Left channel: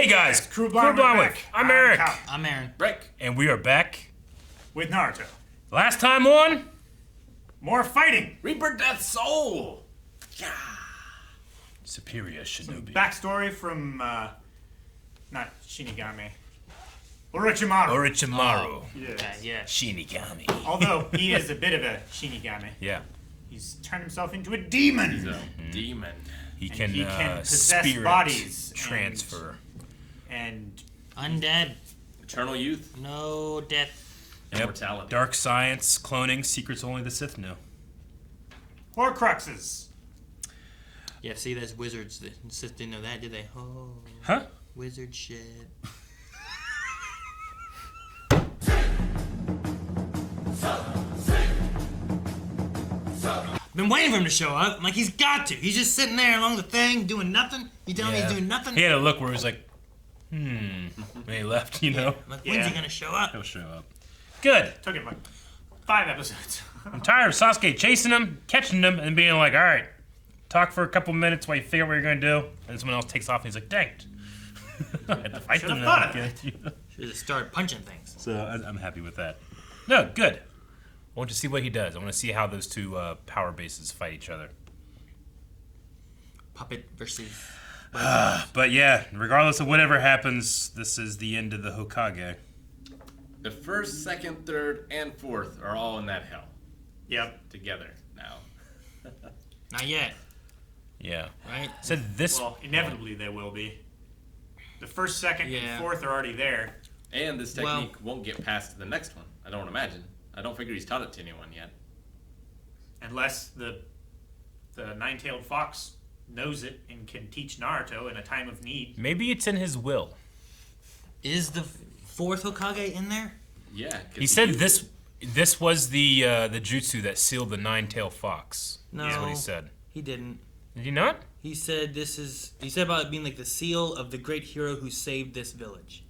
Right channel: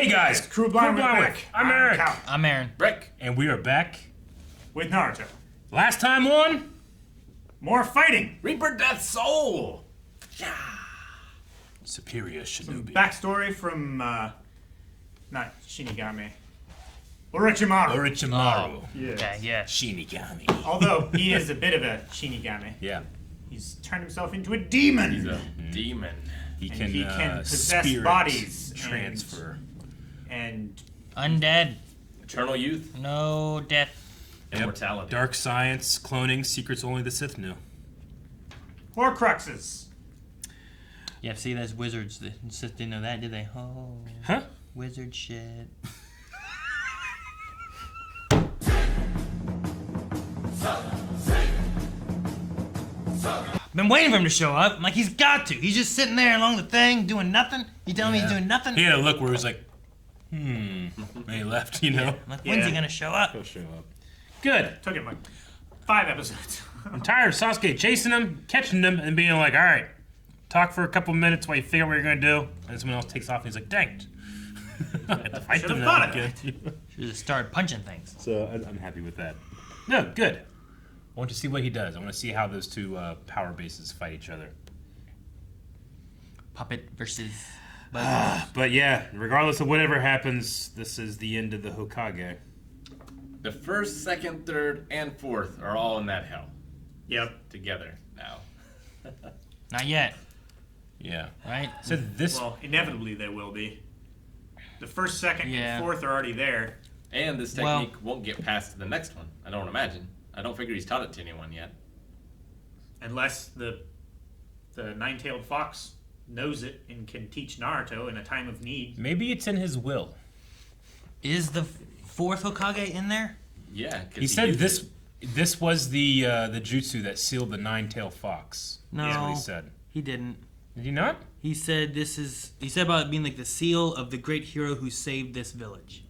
Hey guys, Crew Blind Wick. I'm Eric. Cal. I'm Aaron. Rick. And we are back. With Naruto. Last time on... More fighting. Reaper Death Soul. Superior Shinobi. Backstory from, not Shinigami. Orochimaru. Orochimaru. Yes. Okay, yeah. Shinigami. Although he is a bit of a Shinigami. Yeah. He's turned himself into a demon. He's a demon. He And can, possess spirit bodies. transfer. And Undead. Eternal youth. No death. Immortality. Dark science, cloning, secrets only the Sith knew. Horcruxes. Yeah, see, that's wizards. The Sith didn't know that, did they? Oh. Huh? Wizard shit. Been waiting for him to show up. I'm like, he's got to. He's just sitting there along the thing, doing nothing. You telling me he's doing nothing? He had a look where he was like, and he left, you know? I'm like, when's he gonna show up? He'll show up. Good. Took him like 5 episodes. I'm tired of Sasuke chasing him, catching him, and being like, all right, talk for a couple minutes while you figure out what you're going to do. And someone else takes off, and he's like, dang it. I have to fight Should've them thought now of again. Should just start punching things. So I'm happy with that. No, good. I want to see what he does. I want to see how those two power bases fight each other. Puppet versus... But yeah, regardless of whatever happens, this is the end of the Hokage. The first, second, third, and fourth are all in that hell Yep. together now. Not yet, Yeah. right? So this... Well, inevitably there will be. The first, second, Yeah. and fourth are already there. And this technique won't get past the next one. I don't imagine. I don't figure he's taught it to anyone yet. Unless the nine-tailed fox knows it and can teach Naruto in a time of need. Maybe it's in his will. Is the fourth Hokage in there? Yeah. 'cause He said used this it. this was the jutsu that sealed the nine-tailed fox. No. That's what he said. He didn't. Did he not? He said he said about it being like the seal of the great hero who saved this village.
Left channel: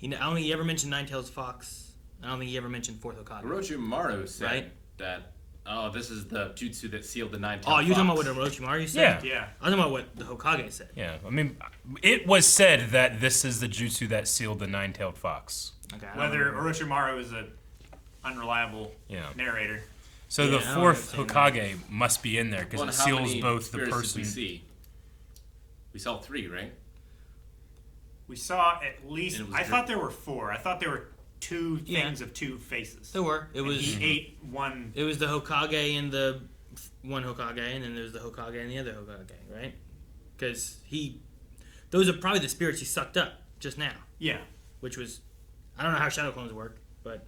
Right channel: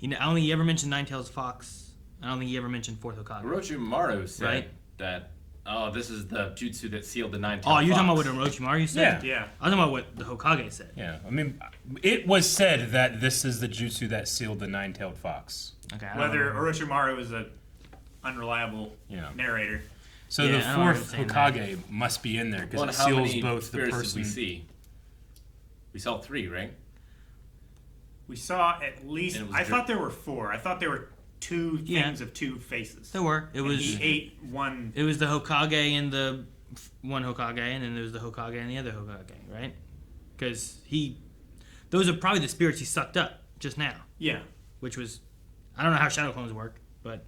You know, I don't think he ever mentioned Nine-Tails Fox. I don't think he ever mentioned fourth Hokage. Orochimaru said Right. that, oh, this is the jutsu that sealed the nine-tailed Oh, fox. you're talking about what Orochimaru said? Yeah. I was talking about what the Hokage said. Yeah. I mean, it was said that this is the jutsu that sealed the nine-tailed fox. Okay. I don't Whether know. Orochimaru is a unreliable Yeah. narrator. So Yeah, the I don't fourth understand Hokage must be in there because Well, it and how seals many both the spirits person. did we see? We saw 3, right? We saw at least. And it was I thought there were 4. I thought there were 2 things of 2 faces. There were. It And was. he ate one. It was the Hokage and the one Hokage, and then there was the Hokage and the other Hokage, right? Because those are probably the spirits he sucked up just now. Yeah. Which was, I don't know how shadow clones work, but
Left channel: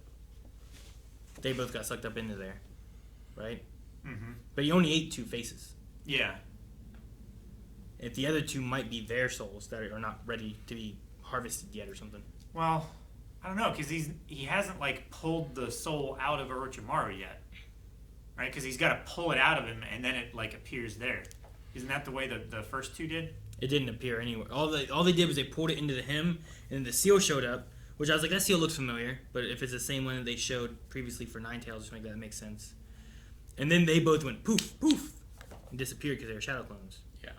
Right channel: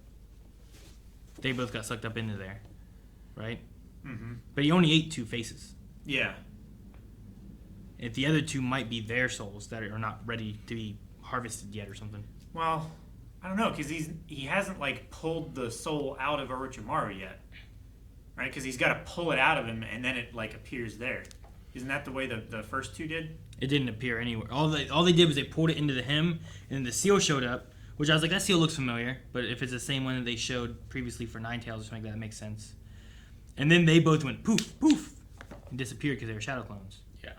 they both got sucked up into there, right? Mm-hmm. But he only ate 2 faces. Yeah. If the other 2 might be their souls that are not ready to be harvested yet or something. Well, I don't know because he hasn't like pulled the soul out of Orochimaru yet, right? Because he's got to pull it out of him and then it like appears there. Isn't that the way the first 2 did? It didn't appear anywhere. All they did was they pulled it into him, and the seal showed up, which I was like, that seal looks familiar. But if it's the same one that they showed previously for Nine-Tails, just like that makes sense. And then they both went poof, poof, and disappeared because they were shadow clones. Yeah.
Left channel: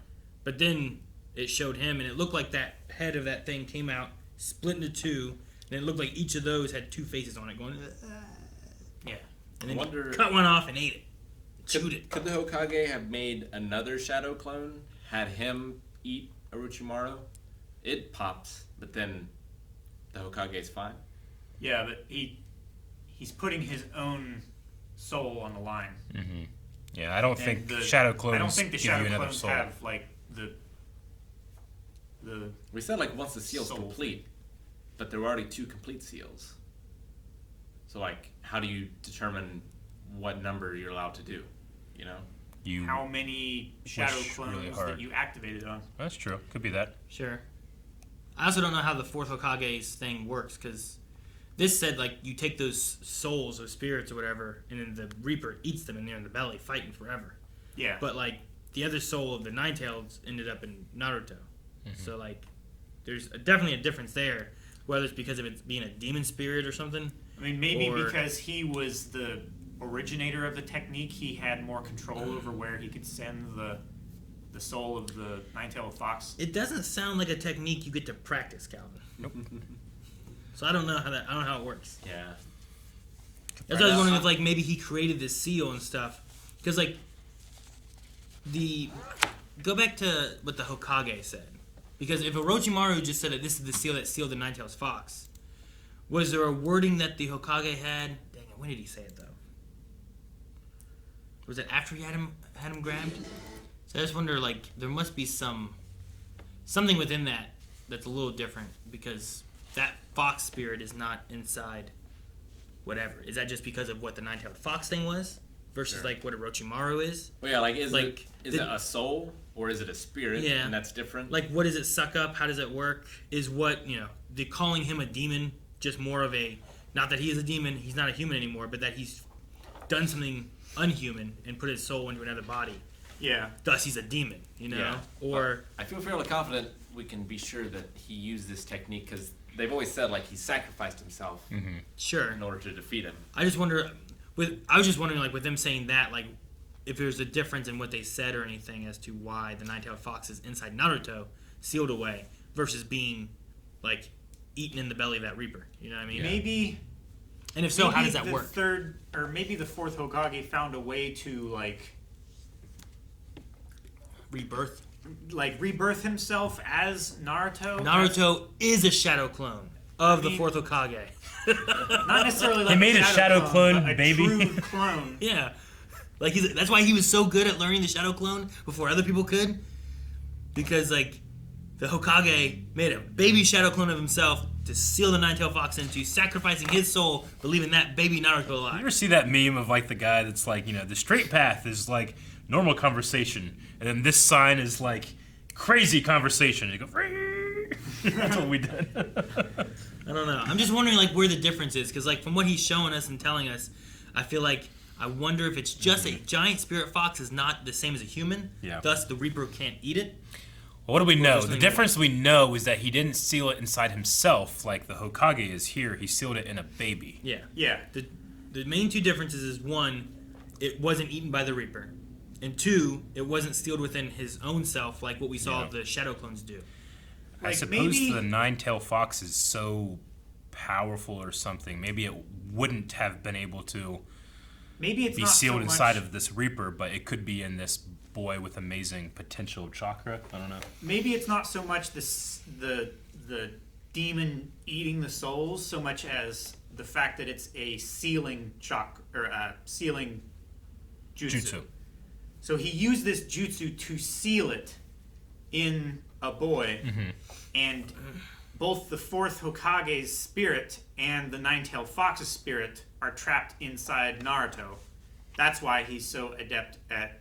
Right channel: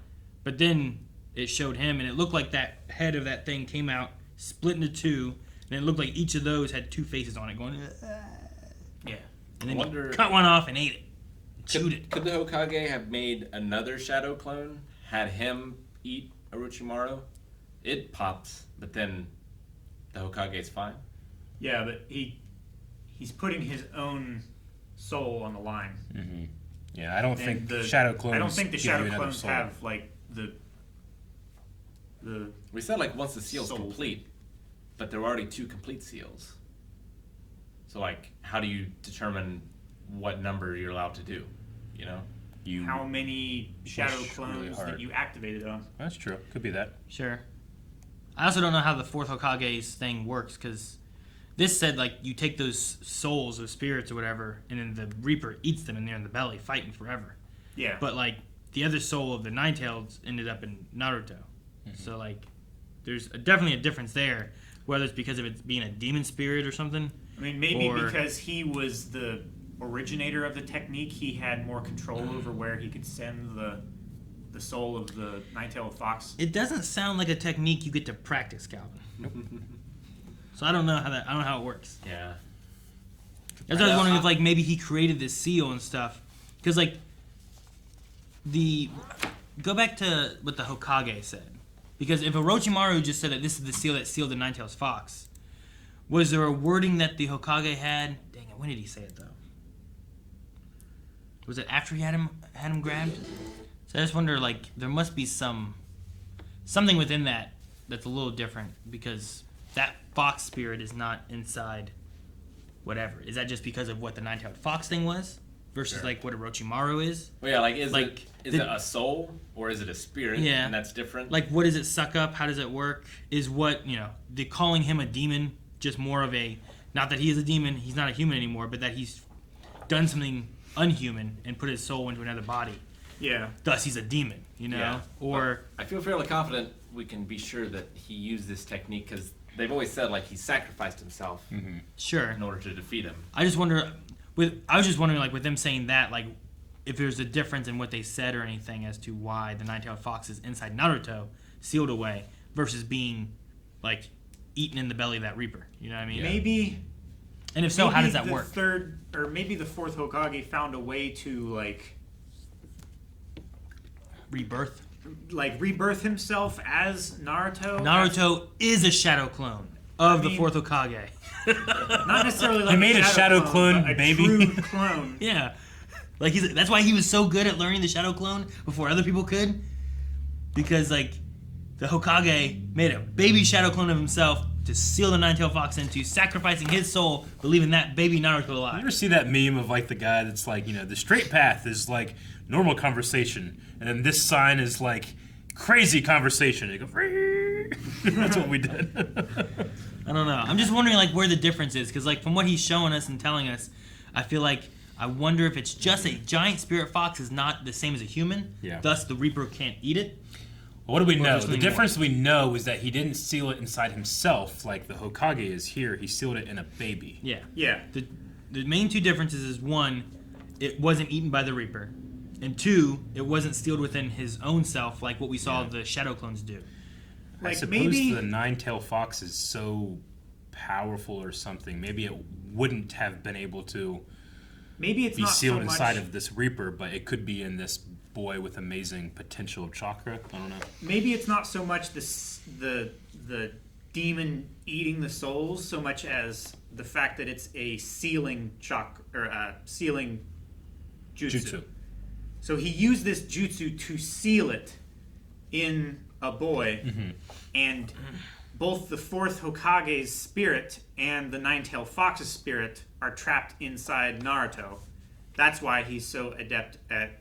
But then it showed him, and it looked like that head of that thing came out, split into 2, and it looked like each of those had 2 faces on it going, Yeah. and then I wonder- he cut one off and ate it. Chewed it. Could the Hokage have made another shadow clone, had him eat Orochimaru? It pops, but then the Hokage's fine. Yeah, but he's putting his own soul on the line. Mm-hmm. Yeah, I don't And think the shadow clones. I don't think the give you shadow another clones soul. have like the. We said like once the seal's Soul. complete, but there were already 2 complete seals. So like, how do you determine what number you're allowed to do? You know? You. How many shadow Wish clones really hard. that you activated on? That's true. Could be that. Sure. I also don't know how the fourth Hokage's thing works, because this said, like, you take those souls or spirits or whatever, and then the Reaper eats them, and they're in the belly fighting forever. Yeah. But, like, the other soul of the Nine-Tails ended up in Naruto. So, like, there's definitely a difference there, whether it's because of it being a demon spirit or something. I mean, maybe or- because he was the originator of the technique, he had more control over where he could send the the soul of the nine-tailed fox. It doesn't sound like a technique you get to practice, Calvin. So I don't know how it works. Yeah. That's what I was wondering if like maybe he created this seal and stuff, because like go back to what the Hokage said, because if Orochimaru just said that this is the seal that sealed the Nine-Tailed Fox, was there a wording that the Hokage had? Dang it, when did he say it though? Was it after he had him grabbed? So I just wonder, like, there must be something within that that's a little different, because that fox spirit is not inside whatever. Is that just because of what the Nine-Tailed Fox thing was versus Sure. like what Orochimaru is? Well, yeah, like, is Like, it a soul or is it a spirit? Yeah. And that's different? Like, what does it suck up? How does it work? Is what, the calling him a demon just more of a, not that he is a demon, he's not a human anymore, but that he's done something unhuman and put his soul into another body. Yeah. Thus, he's a demon, Yeah. Or I feel fairly confident we can be sure that he used this technique because they've always said, like, he sacrificed himself sure. in order to defeat him. I just wonder. I was just wondering, like, with them saying that, like, if there's a difference in what they said or anything as to why the Nine-Tailed Fox is inside Naruto, sealed away, versus being, like, eaten in the belly of that Reaper. You know what I mean? Yeah. Maybe. And if so, maybe how does that the work? third, or maybe the fourth Hokage found a way to Rebirth. rebirth himself as Naruto. Naruto is a shadow clone of the mean- fourth Hokage. Not necessarily like He made a shadow clone, but a baby. true clone. Yeah. Like, that's why he was so good at learning the shadow clone before other people could. Because, like, the Hokage made a baby shadow clone of himself to seal the Nine-Tailed Fox into, sacrificing his soul, but leaving that baby Naruto You alive. ever see that meme of like the guy that's like, the straight path is like normal conversation, and then this sign is like crazy conversation. You go, that's what we did. I don't know. I'm just wondering, like, where the difference is. Because, like, from what he's showing us and telling us, I feel like I wonder if it's just a giant spirit fox is not the same as a human. Yeah. Thus, the Reaper can't eat it. What do we know? there's The something difference we know is that he didn't seal it inside himself like the Hokage is here. He sealed it in a baby. Yeah. Yeah. The main two differences is, one, it wasn't eaten by the Reaper. And two, it wasn't sealed within his own self like what we saw the shadow clones do. I Like, suppose maybe- the Nine-Tailed Fox is so powerful or something. Maybe it wouldn't have been able to Maybe it's be not sealed so inside much, of this Reaper, but it could be in this boy with amazing potential chakra. I don't know. Maybe it's not so much the demon eating the souls, so much as the fact that it's a sealing sealing jutsu. So he used this jutsu to seal it in a boy, and both the fourth Hokage's spirit and the Nine-Tailed Fox's spirit are trapped inside Naruto. That's why he's so adept at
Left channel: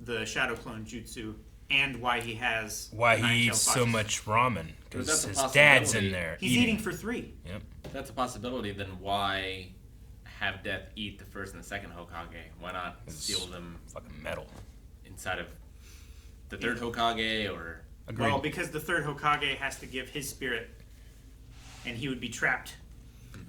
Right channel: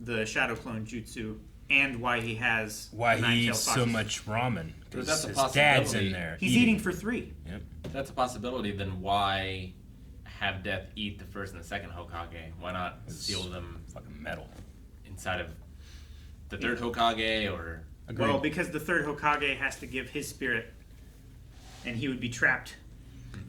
the Shadow Clone Jutsu, and why he has Why the he Nine-Tailed eats so Fox's- much ramen. But 'Cause that's a his dad's possibility. in there. He's eating for 3. Yep. If that's a possibility, then why have Death eat the first and the second Hokage? Why not seal them Fucking metal. inside of the third Hokage or... Agreed. Well, because the third Hokage has to give his spirit, and he would be trapped.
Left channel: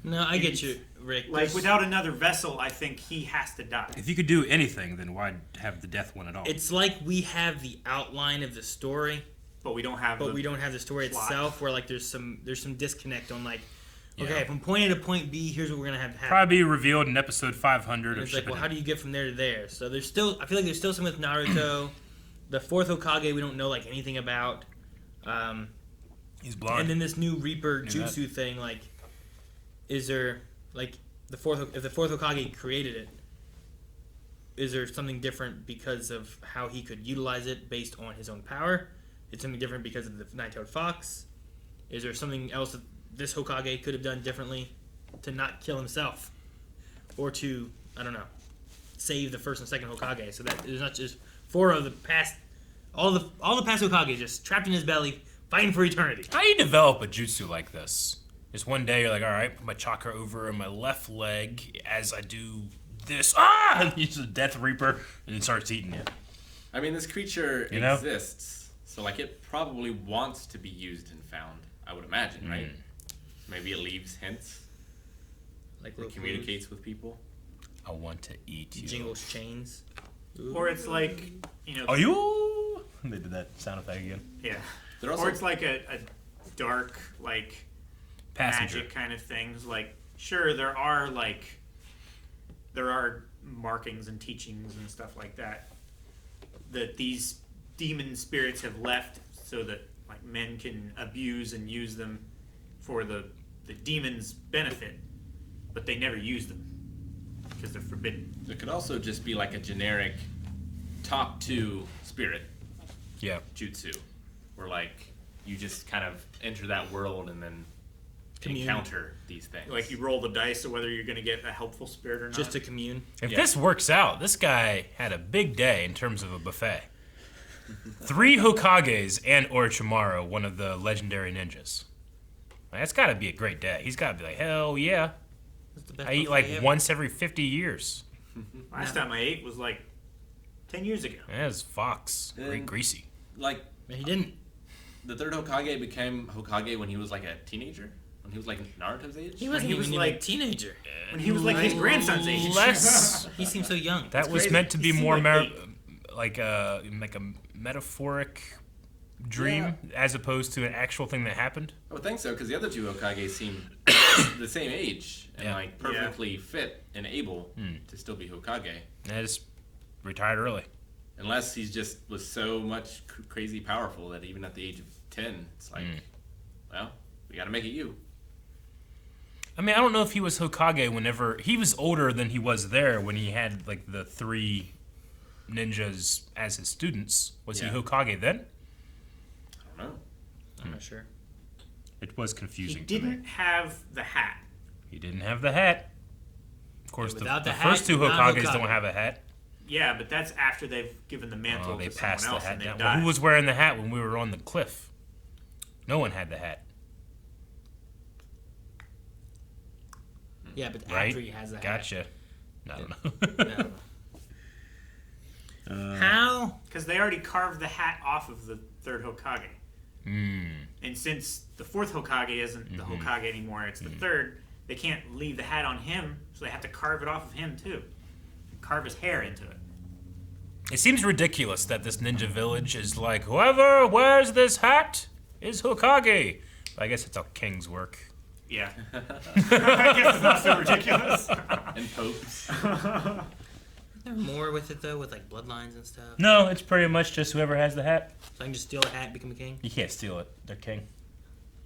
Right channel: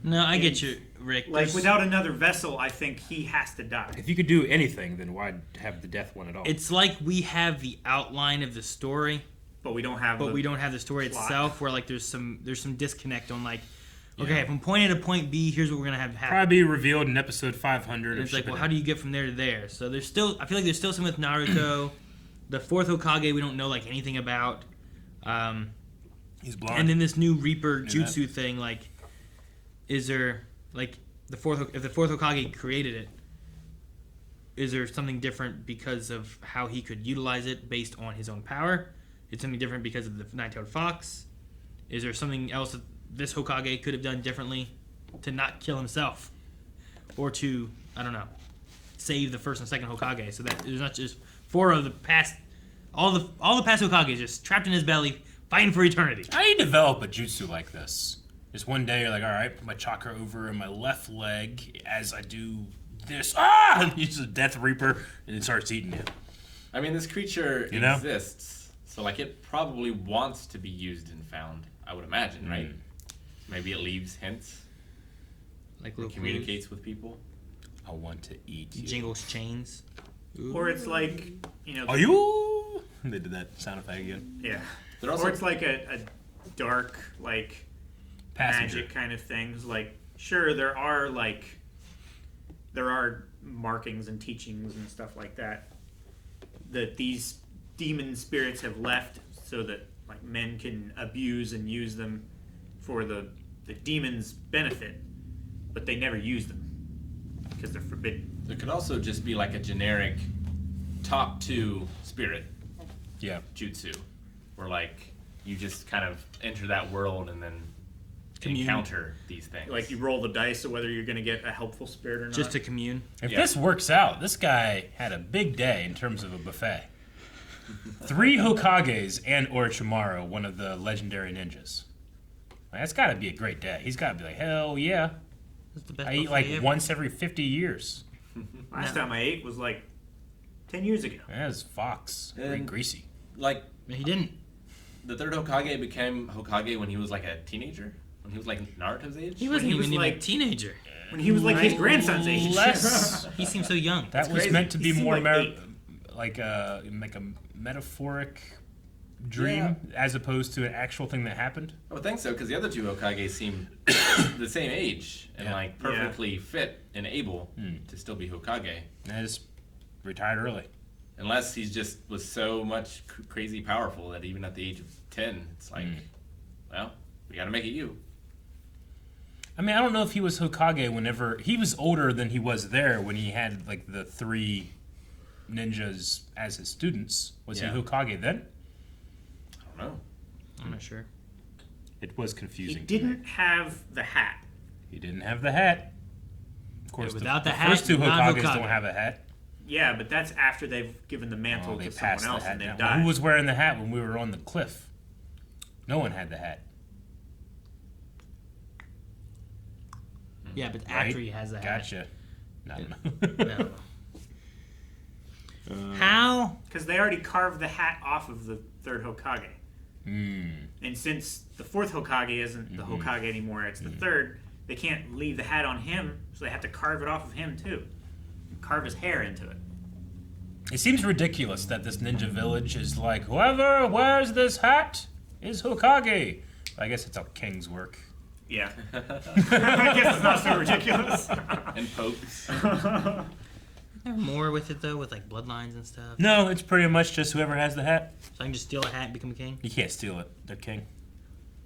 No, I get you, Rick. Like, There's- without another vessel, I think he has to die. If you could do anything, then why have the death one at all? It's like we have the outline of the story, But we don't have but we don't have the story plot. itself. Where like there's some disconnect on like, okay, Yeah. from point A to point B, here's what we're gonna have happen. Probably be revealed in episode 500. And Or it's like, well, shipping how do you get from there to there? So there's still, I feel like there's still some with Naruto. The fourth Hokage we don't know like anything about. He's blind. And then this new Reaper Knew that. jutsu thing, like, is there like if the fourth Hokage created it, is there something different because of how he could utilize it based on his own power? It's something different because of the Nine-Tailed Fox. Is there something else that this Hokage could have done differently to not kill himself, or to, I don't know, save the first and second Hokage, so that there's not just four of the past, all the past Hokages just trapped in his belly, fighting for eternity. How do you develop a jutsu like this? Just one day you're like, all right, put my chakra over in my left leg as I do this. And use the Death Reaper, and it starts eating you. I mean, this creature You know? exists, so like it probably wants to be used and found, I would imagine, right? Maybe it leaves hints, Like or little communicates with people. I want to eat clues, you. jingles chains. Or it's like, Are you? They did that sound effect again. Yeah. They're also Or it's like a dark, like, Passenger. magic kind of things. Like, sure, there are markings and teachings and stuff like that these demon spirits have left so that like men can abuse and use them for the demon's benefit, but they never use them because they're forbidden. There could also just be like a generic top 2 spirit Yeah. jutsu, where like you just kind of enter that world and then Commune. encounter these things. Like you roll the dice of whether you're going to get a helpful spirit or not. Just to commune. If Yeah. this works out, this guy had a big day in terms of a buffet. 3 Hokages and Orochimaru, one of the legendary ninjas. Like, that's got to be a great day. He's got to be like, hell yeah. That's the best I eat buffet like ever. once every 50 years. Last time I ate was like 10 years ago. That was Fox. Very And- greasy. like But he didn't. the 3rd Hokage became Hokage when he was like a teenager, when he was like Naruto's age. He wasn't he was even like- a teenager. When he was like his grandson's age. Less. He seems so young. That was crazy. meant to He be seemed more like 8. like a metaphoric dream Yeah. as opposed to an actual thing that happened. I would think so, because the other 2 Hokage seem the same age and Yeah. like perfectly fit and able to still be Hokage, And I just retired early. unless he's just was so much crazy powerful that even at the age of 10, it's like, well, we got to make it you. I mean, I don't know if he was Hokage whenever he was older than he was there when he had like the 3 ninjas as his students. Was Yeah. he Hokage then? I don't know. I'm not sure. It was He confusing. to me. didn't have the hat. He didn't have the hat. Of course, Yeah, the, without the the hat, first 2 not Hokages Hokage. don't have a hat. Yeah, but that's after they've given the mantle Oh, they to passed someone the else hat and they've down. died. Well, who was wearing the hat when we were on the cliff? No one had the hat. Yeah, but Right? after he has the hat. Gotcha. I don't know. No. How? Because they already carved the hat off of the 3rd Hokage. Mm. And since the 4th Hokage isn't the Hokage anymore, it's the 3rd, they can't leave the hat on him, so they have to carve it off of him too. Carve his hair into it. It seems ridiculous that this ninja village is like, whoever wears this hat is Hokage. I guess it's how kings work. Yeah. I guess it's not so ridiculous. And popes. There more with it though, with like bloodlines and stuff. No, it's pretty much just whoever has the hat. So I can just steal a hat and become a king. You can't steal it. They're king.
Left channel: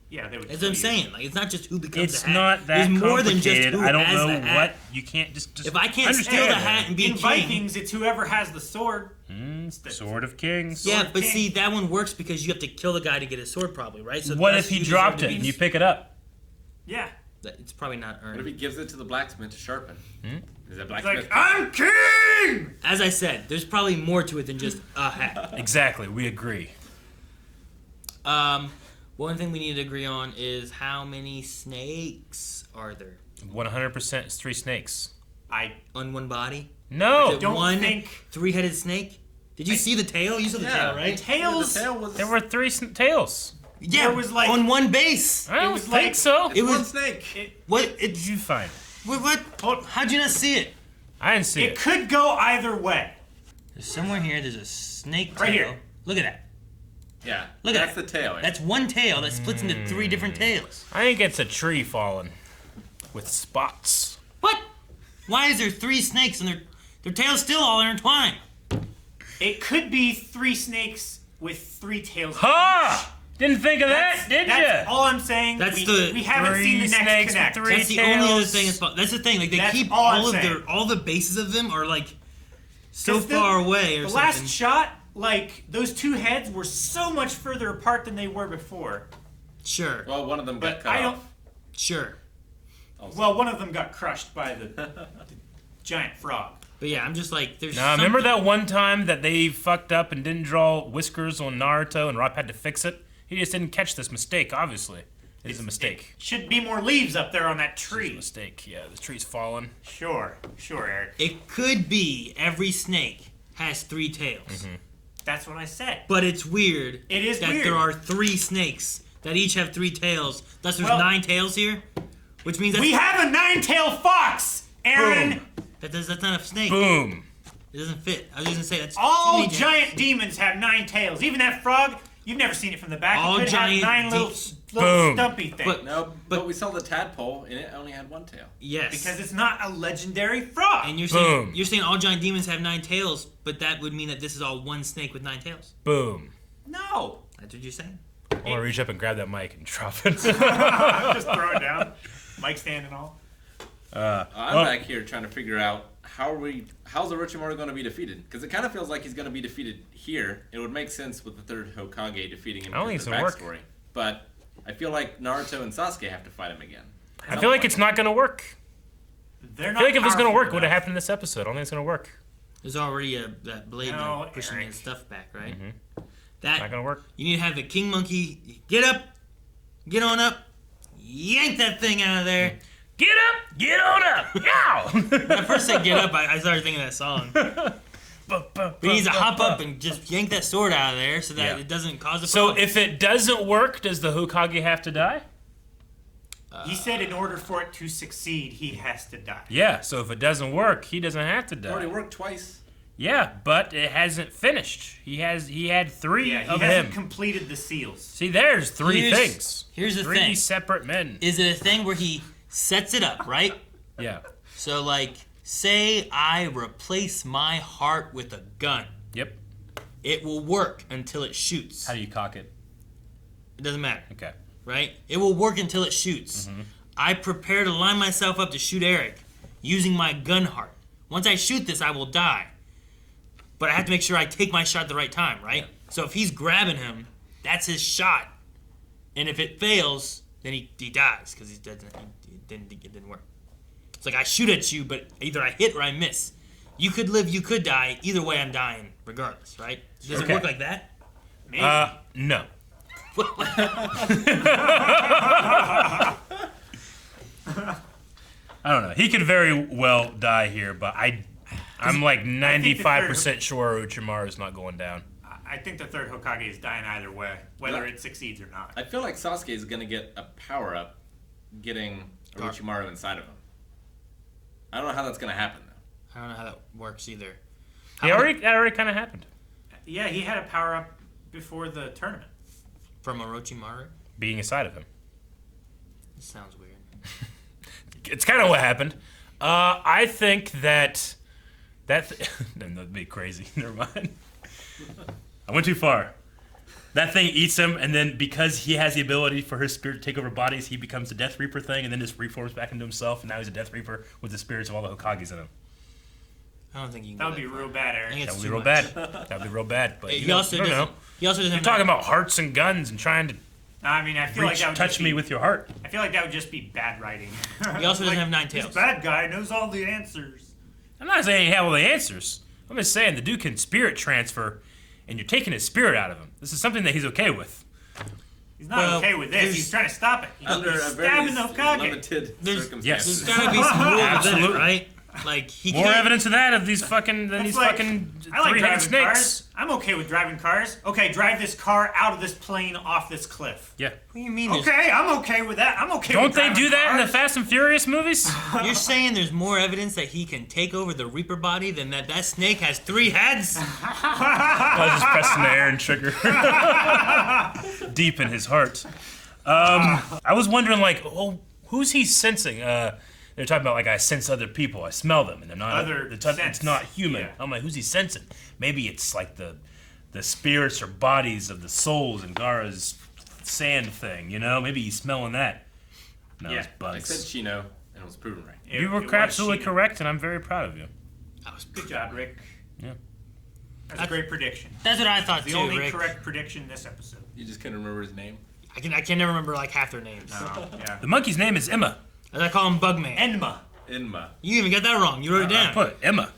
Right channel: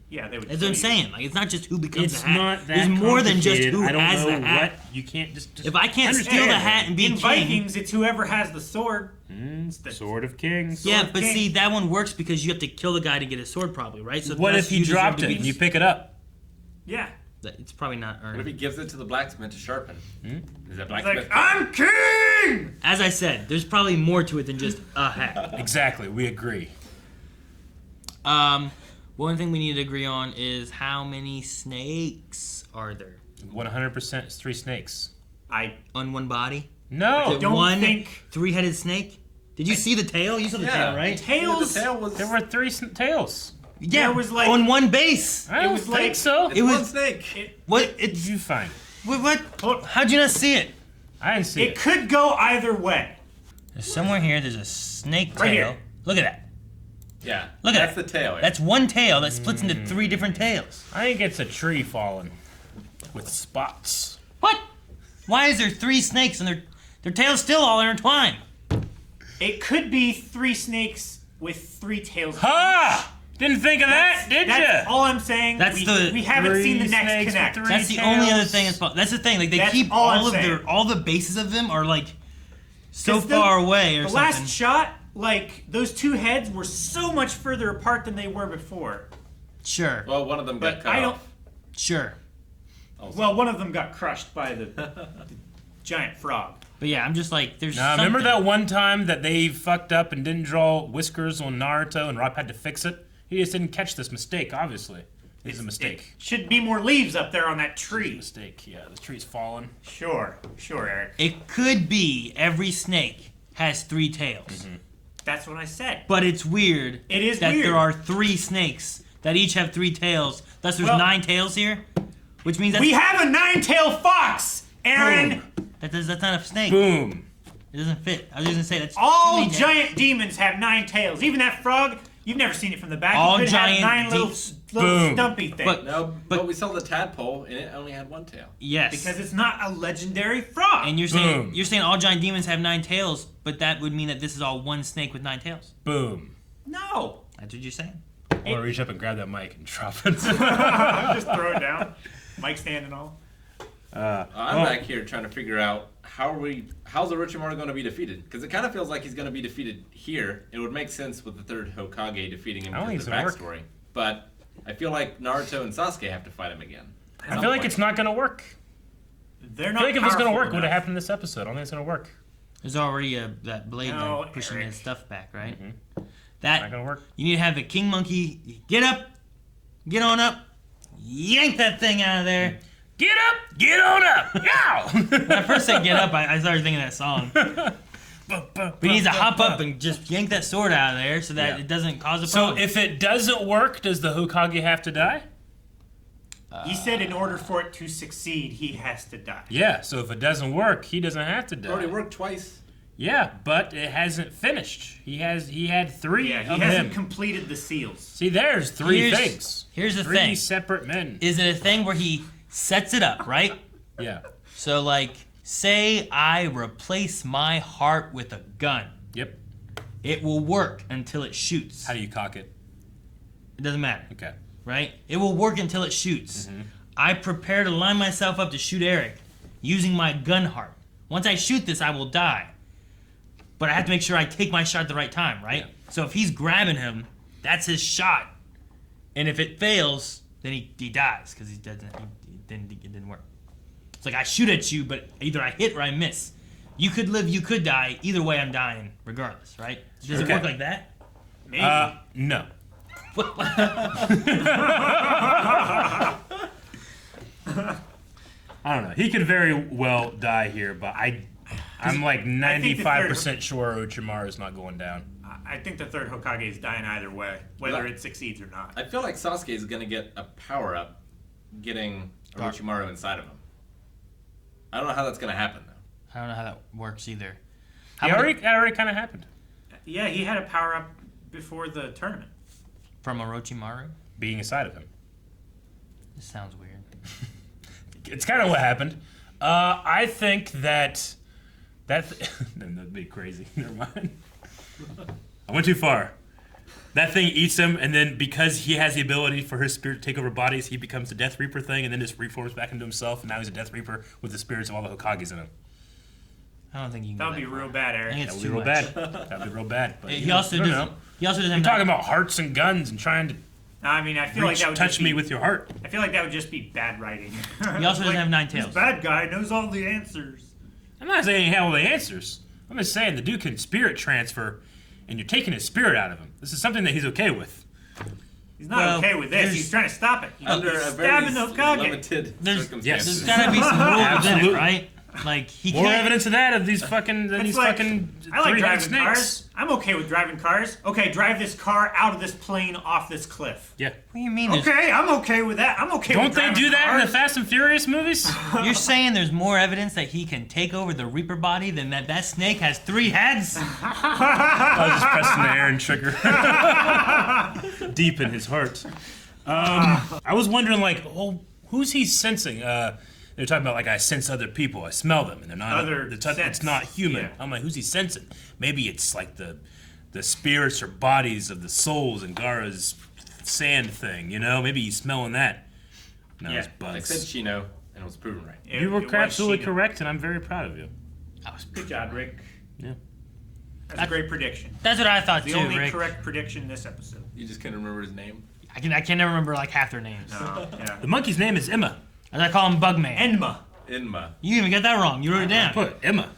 Yeah, they would. That's what I'm kill you. saying. Like, it's not just who becomes It's the hat. not that There's more than just complicated. who I don't has know the hat. what you can't just If I can't steal the understand. hat and be In king, Vikings, it's whoever has the sword. Mm, Sword of Kings. yeah, Sword but king. see, that one works because you have to kill the guy to get his sword, probably, right? So What unless if he you deserve dropped to it be- and you pick it up? Yeah. It's probably not What if earned. he gives it to the blacksmith to sharpen? Is that It's blacksmith? like, I'm king! As I said, there's probably more to it than just a hat. Exactly. We agree. One thing we need to agree on is how many snakes are there 100% is 3 snakes. I on one body? No. Is it don't one think- three-headed snake? Did you see the tail? You saw the tail, right? tails. The tail was. There were 3 tails. Yeah, There was like- on one base. I don't was think like- so. It's it one was- snake. What? What did you find? What? How'd you not see it? I didn't see It it. could go either way. There's somewhere here. There's a snake tail. Right here. Look at that. Yeah. Look at that's that. the tail. That's one tail that splits into 3 different tails. I think it's a tree falling with spots. What? Why is there 3 snakes and their tails still all intertwined? It could be 3 snakes with 3 tails. Ha! Didn't think of that, did That's ya? all I'm saying. That's the we haven't 3 seen the next snakes with connect. 3 That's the only other tails. thing. That's the thing. Like they That's keep all I'm all of saying. all the bases of them are like so 'Cause far away or The something. last shot, like those 2 heads were so much further apart than they were before. Sure. Well, one of them got But cut I off. Sure. Well, one of them got crushed by the giant frog. But yeah, I'm just like there's. Now, remember something. that one time that they fucked up and didn't draw whiskers on Naruto and Rob had to fix it? He just didn't catch this mistake, obviously. It's a mistake. Should be more leaves up there on that tree. Mistake, yeah. The tree's fallen. Sure, Eric. It could be every snake has 3 tails, That's what I said. but it's weird. It is that weird. there are 3 snakes that each have 3 tails. Thus, there's Well- 9 tails here, which means that's We have a 9-tailed fox, Aaron. Boom. That's not a snake. Boom. It doesn't fit. I was just gonna say that's All too many giant demons have 9 tails. Even that frog, you've never seen it from the back. All It could giant have 9 little, little Boom. stumpy things. But- No, but we saw the tadpole and it only had one tail. Yes. because it's not a legendary frog. and Boom. you're saying all giant demons have 9 tails, but that would mean that this is all one snake with 9 tails. Boom. No. That's what you're saying. I'm gonna reach up and grab that mic and drop it. Just throw it down. Mic stand and all. I'm back here trying to figure out how's Orochimaru going to be defeated? Because it kind of feels like he's going to be defeated here. It would make sense with the third Hokage defeating him I don't because think of the it's gonna backstory. But I feel like Naruto and Sasuke have to fight him again. I feel like it's not gonna work. They're I not feel like if it's gonna powerful work, it would have enough. happened in this episode. I don't think it's gonna work. There's already that blade No, gun pushing Eric. his stuff back, right? It's That not gonna work. you need to have the king monkey get up, get on up, yank that thing out of there. Get up! Get on up! Yow! When I first said get up, I started thinking of that song. But he needs to hop up and just yank that sword out of there so that Yeah. it doesn't cause a So problem. if it doesn't work, does the Hokage have to die? He said in order for it to succeed, he has to die. Yeah. So if it doesn't work, he doesn't have to It die. already worked twice. Yeah, but it hasn't finished. He had 3 Yeah, he of hasn't him. completed the seals. See, there's 3 Here's- things. here's the 3 thing. separate men. Is it a thing where he sets it up, right? Yeah. So like, say I replace my heart with a gun. Yep. It will work until it shoots. How do you cock it? It doesn't matter, Okay. right? It will work until it shoots. I prepare to line myself up to shoot Eric using my gun heart. Once I shoot this, I will die. But I have to make sure I take my shot at the right time, right? Yeah. So if he's grabbing him, that's his shot. And if it fails, then he dies because it didn't work. It's like I shoot at you, but either I hit or I miss. You could live, you could die. Either way, I'm dying regardless, right? Does Okay. it work like that? Maybe. No. I don't know. He could very well die here, but I'm like 95% sure Orochimaru's not going down. I think the third Hokage is dying either way, whether it succeeds or not. I feel like Sasuke is going to get a power-up getting Orochimaru inside of him. I don't know how that's going to happen, though. I don't know how that works either. That already kind of happened. Yeah, he had a power up before the tournament. From Orochimaru? Being inside of him. This sounds weird. It's kind of what happened. I think that'd be crazy. Never mind. I went too far. That thing eats him, and then because he has the ability for his spirit to take over bodies, he becomes the Death Reaper thing, and then just reforms back into himself, and now he's a Death Reaper with the spirits of all the Hokages in him. I don't think you can. That go would be far. real bad, I Eric. think That it's would be too real much. bad. That would be real bad. But He you know, also I don't doesn't. know. He also doesn't You're have. talking about hearts and guns and trying to I mean, I feel like that would touch just me be, with your heart. I feel like that would just be bad writing. He also doesn't have 9 This tails. bad guy knows all the answers. I'm not saying he had all the answers. I'm just saying the dude can spirit transfer, and you're taking his spirit out of him. This is something that he's okay with. He's not Well, okay with this. there's- He's trying to stop it. He's Under a very stabbing the Hokage. limited There's circumstances. There's gotta be some rules in it, Absolutely. right? Like he More can't. evidence of that of these fucking It's these like, fucking I like three-headed driving snakes. cars. I'm okay with driving cars. Okay, drive this car out of this plane off this cliff. Yeah. What do you mean? there's- Okay, I'm okay with that. I'm okay Don't with they driving do that in cars. the Fast and Furious movies? You're saying there's more evidence that he can take over the Reaper body than that snake has 3 heads? I was just pressing the air and trigger deep in his heart. I was wondering, like, oh, who's he sensing? They're talking about, like, I sense other people. I smell them, and they're not. Other it's sense. not human. Yeah. I'm like, who's he sensing? Maybe it's like the spirits or bodies of the souls in Gaara's sand thing. You know, maybe he's smelling that. No, Yeah. it's I bugs. said Chino, and it was proven right. You were It was absolutely Sheena. correct, and I'm very proud of you. Good job, Rick. Yeah. That's a great prediction. That's what I thought The too, only Rick. correct prediction this episode. You just couldn't remember his name. I can never remember like half their names. Yeah. The monkey's name is Emma. As I call him Bugman. Enma. Inma. You even got that wrong. You wrote it I down. put Emma.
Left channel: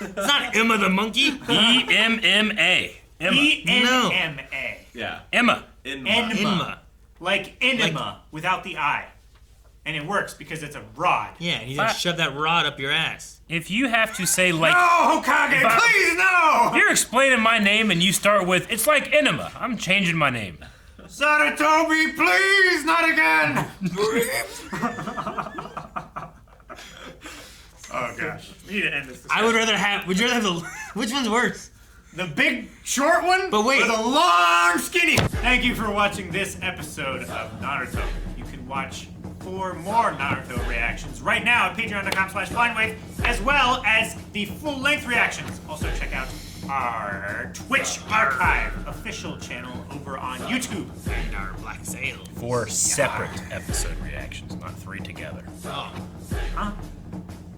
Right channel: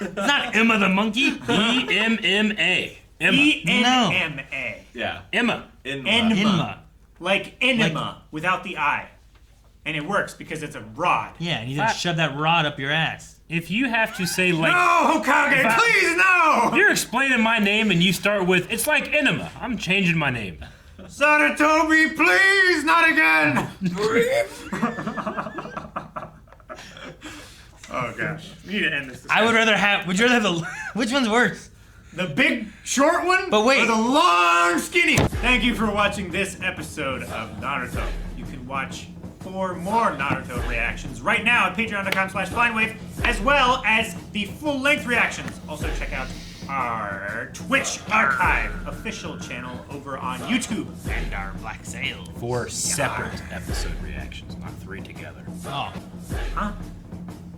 It's not Emma the monkey. E-M-M-A. Emma. E-N-M-A. Yeah. Emma. Inma. Enma. Emma. Like enema without the I. And it works because it's a rod. Yeah, and you just shove that rod up your ass. If you have to say, like, No, Hokage, If I- please no! you're explaining my name and you start with, it's like enema. I'm changing my name. Saratobi, please, not again! Oh, gosh. We need to end this. I would discussion. rather have. Would you rather have the? Which one's worse? The big short one, But wait. or the long skinny. Thank you for watching this episode of Naruto. You can watch 4 more Naruto reactions right now at patreon.com/blindwave, as well as the full-length reactions. Also check out our Twitch Archive official channel over on YouTube. And our Black Sail. 4 separate episode reactions, not 3 together. Oh. Huh?